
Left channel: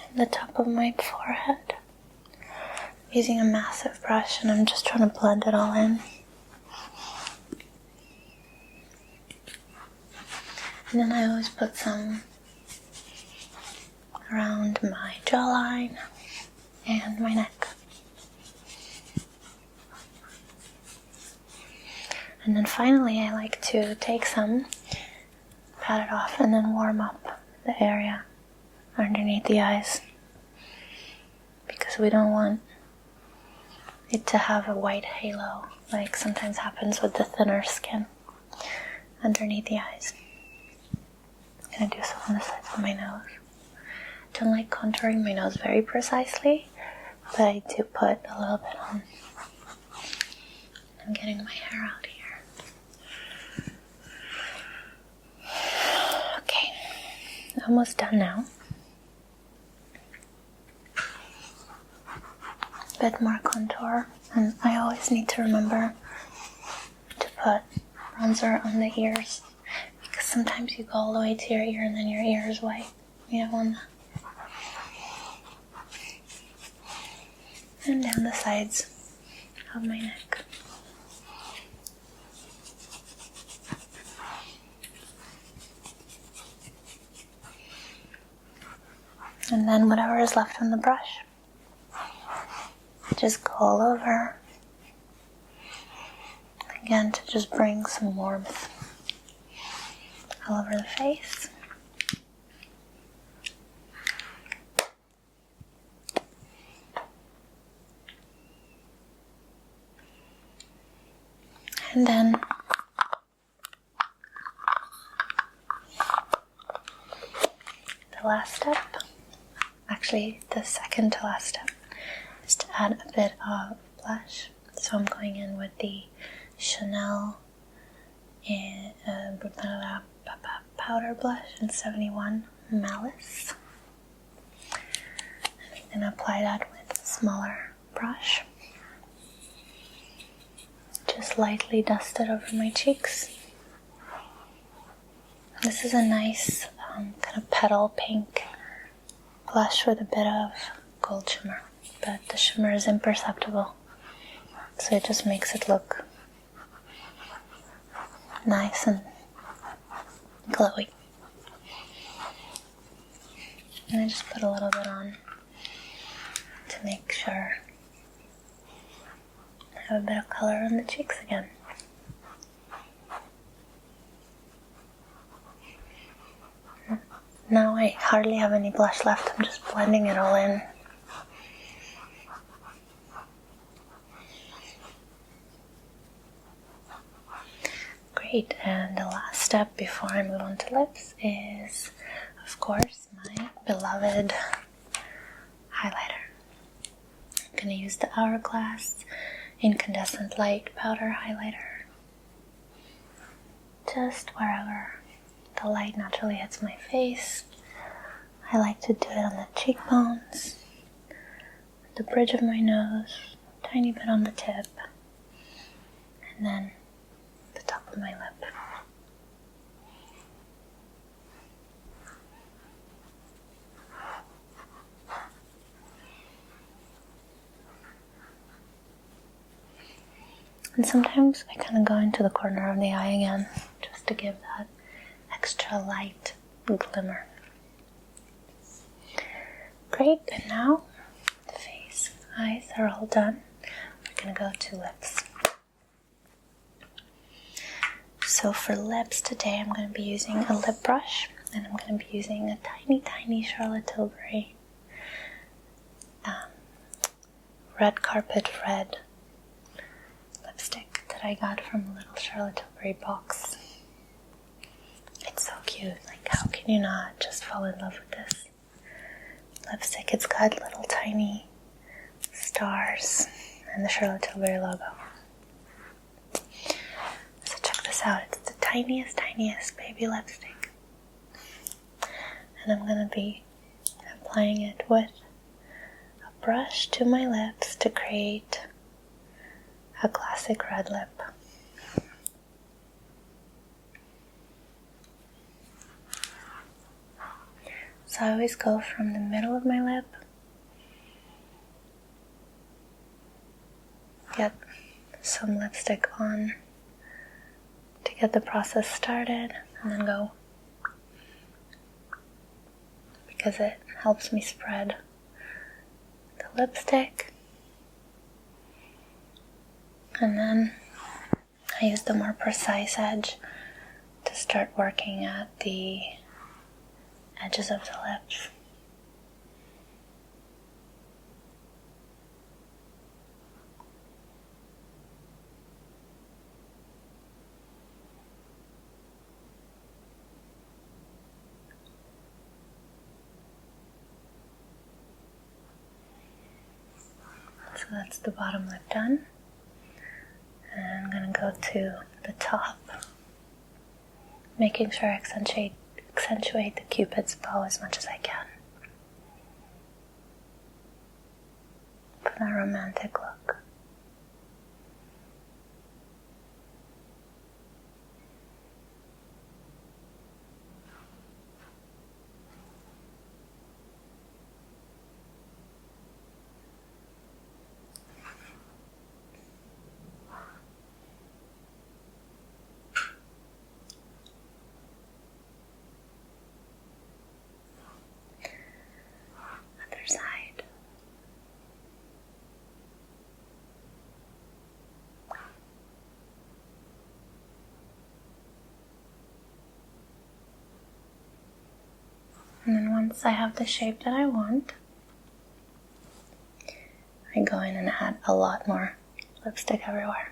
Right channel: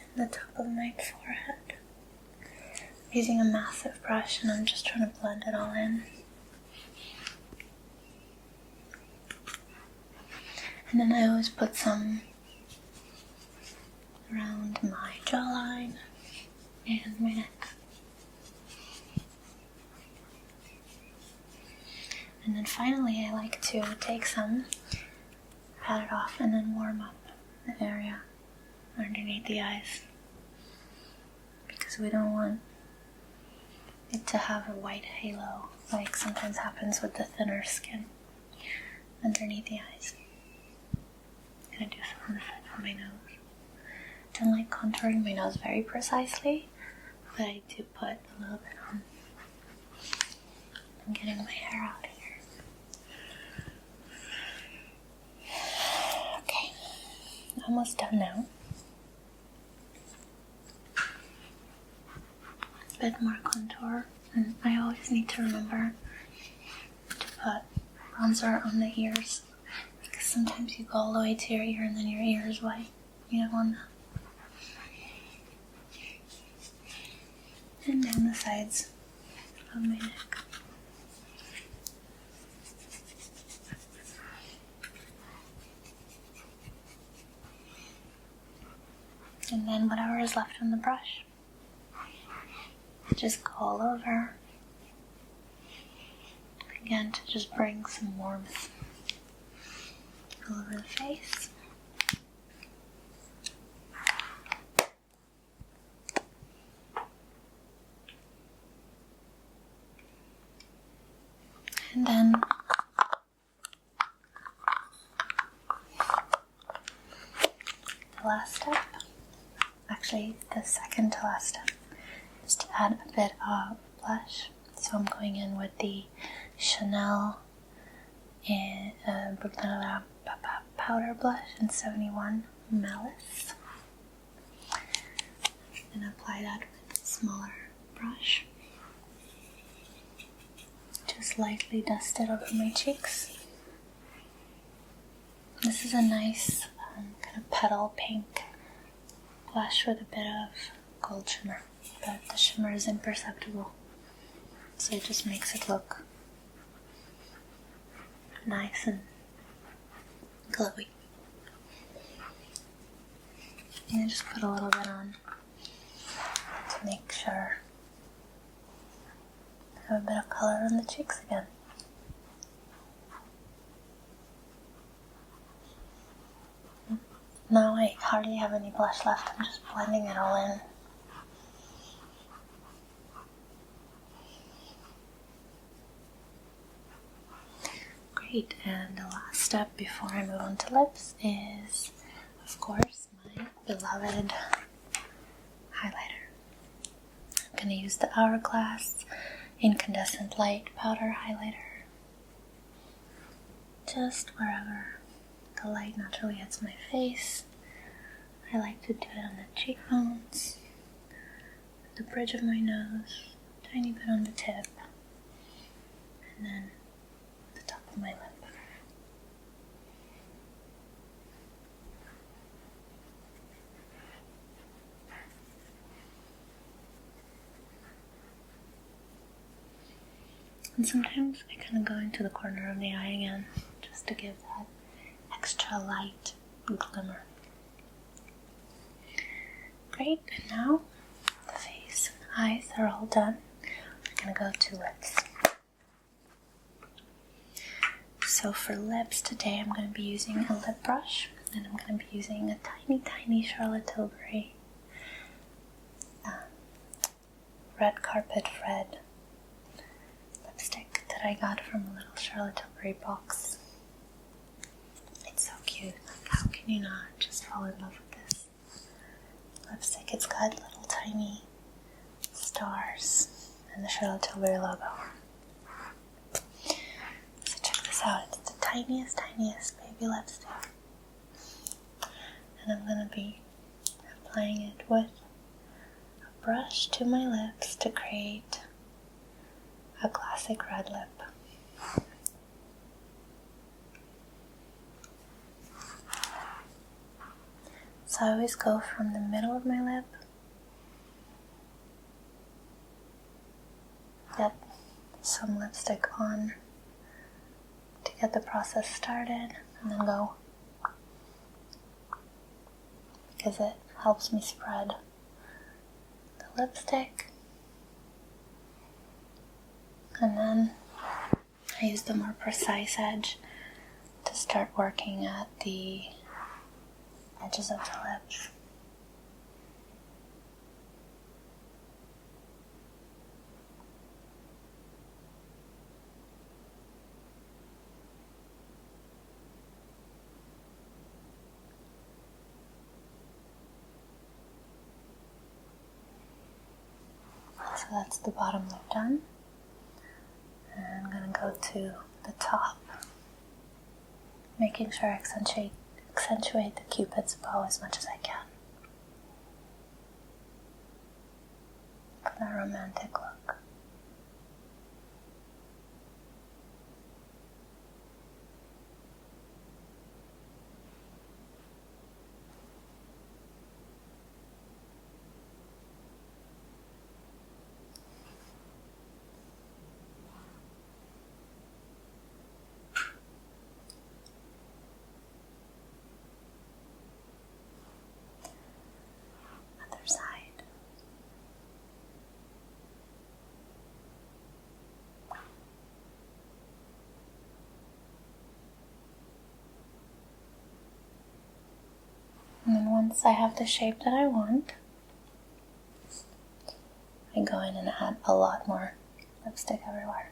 And the top of my forehead. I'm using a massive brush and I'm just trying to blend it all in. And then I always put some around my jawline and my neck. And then finally I like to take some, pat it off, and then warm up the area underneath the eyes, because we don't want it to have a white halo like sometimes happens with the thinner skin underneath the eyes. I'm going to do some on the sides of my nose. I don't like contouring my nose very precisely, but I do put a little bit on. I'm getting my hair out here. Okay, almost done now. A bit more contour, and I always need to remember to put bronzer on the ears, because sometimes you go all the way to your ear and then your ear is white. You don't want that. And down the sides of my neck. And then whatever is left on the brush, I just go all over. Again, to just bring some warmth all over the face. And then the last step, actually the second to last step, is to add a bit of blush. So I'm going in with the Chanel powder blush in 71 Malice. And I'm going to apply that with a smaller brush. Just lightly dust it over my cheeks. This is a nice kind of petal pink blush with a bit of gold shimmer, but the shimmer is imperceptible, so it just makes it look nice and glowy. And I just put a little bit on to make sure I have a bit of color on the cheeks again. Now I hardly have any blush left, I'm just blending it all in. Great, and the last step before I move on to lips is, of course, my beloved highlighter. I'm going to use the Hourglass Incandescent Light Powder Highlighter, just wherever the light naturally hits my face. I like to do it on the cheekbones, the bridge of my nose, a tiny bit on the tip, and then the top of my lip. And sometimes I kind of go into the corner of the eye again, just to give that extra light glimmer. Great, and now the face and eyes are all done. We're going to go to lips. So for lips today, I'm going to be using a lip brush, and I'm going to be using a tiny Charlotte Tilbury red carpet red lipstick that I got from a little Charlotte Tilbury box. It's so cute. Like, how can you not just fall in love with this lipstick? It's got little tiny stars and the Charlotte Tilbury logo. So check this out. It's the tiniest baby lipstick. And I'm going to be applying it with a brush to my lips to create a classic red lip. So I always go from the middle of my lip, get some lipstick on to get the process started, and then go, because it helps me spread the lipstick. And then I use the more precise edge to start working at the edges of the lips. So that's the bottom lip done. And I'm going to go to the top, making sure I accentuate the Cupid's bow as much as I can. For that romantic look. Other side. And then once I have the shape that I want, I go in and add a lot more lipstick everywhere.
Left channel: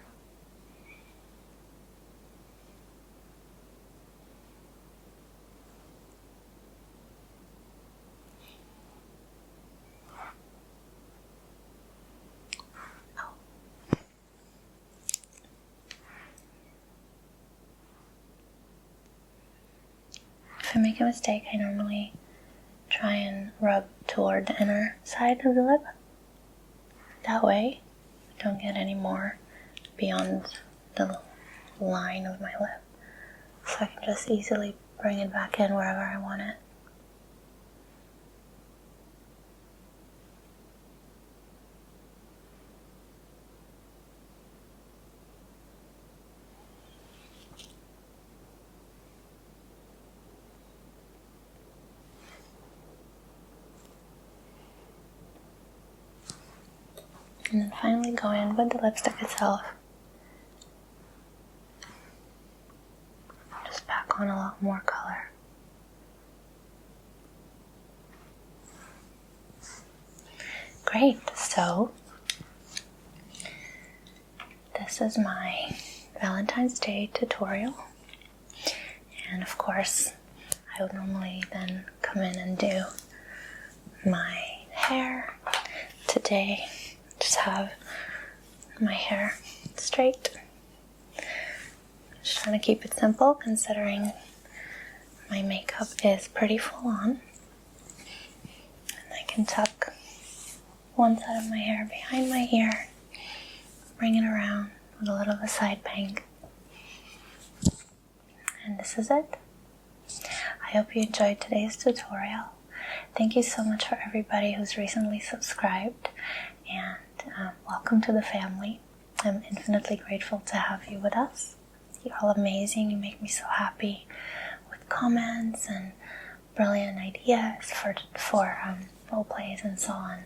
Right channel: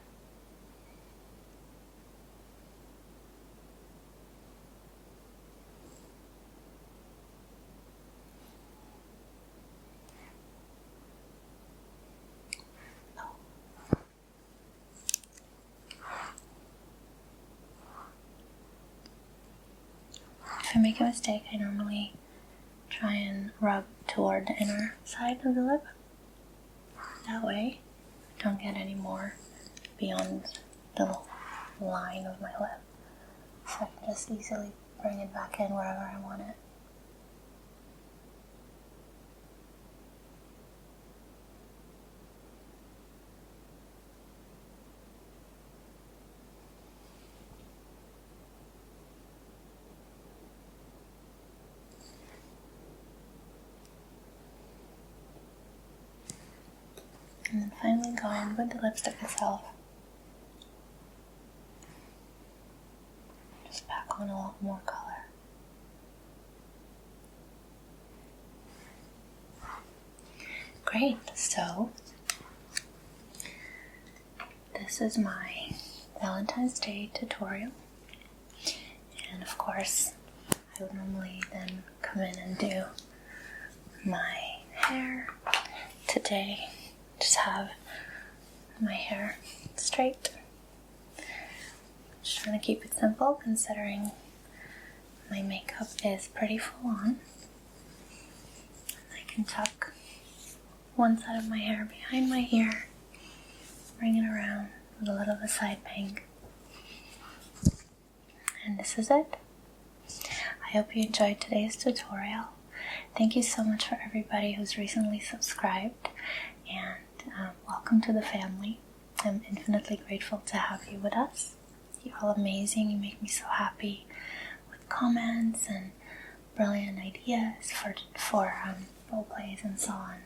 If I make a mistake, I normally try and rub toward the inner side of the lip. That way, I don't get any more beyond the line of my lip. So I can just easily bring it back in wherever I want it. And then finally go in with the lipstick itself. Just pack on a lot more color. Great, so this is my Valentine's Day tutorial. And of course, I would normally then come in and do my hair. Today, just have my hair straight. Just trying to keep it simple considering my makeup is pretty full on. And I can tuck one side of my hair behind my ear, bring it around with a little of a side bang. And this is it. I hope you enjoyed today's tutorial. Thank you so much for everybody who's recently subscribed, and welcome to the family. I'm infinitely grateful to have you with us. You're all amazing. You make me so happy with comments and brilliant ideas for role plays and so on.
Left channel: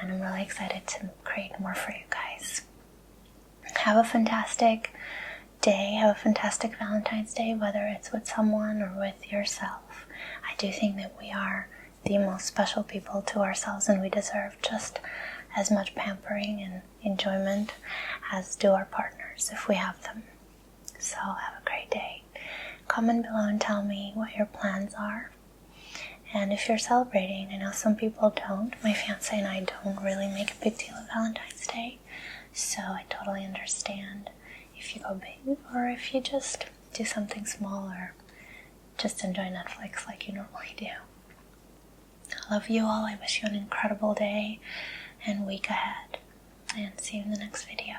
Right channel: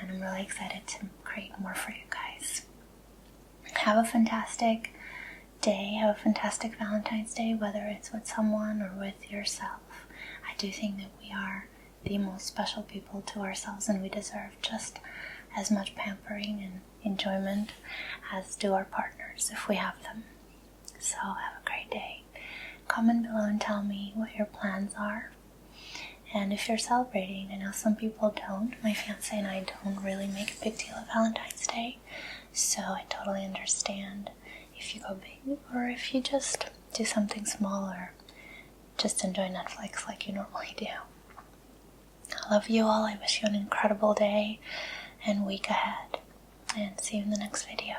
And I'm really excited to create more for you guys. Have a fantastic day. Have a fantastic Valentine's Day, whether it's with someone or with yourself. I do think that we are the most special people to ourselves, and we deserve just as much pampering and enjoyment as do our partners if we have them. So have a great day. Comment below and tell me what your plans are. And if you're celebrating, I know some people don't. My fiance and I don't really make a big deal of Valentine's Day, so I totally understand if you go big or if you just do something small or just enjoy Netflix like you normally do. I love you all. I wish you an incredible day and week ahead, and see you in the next video.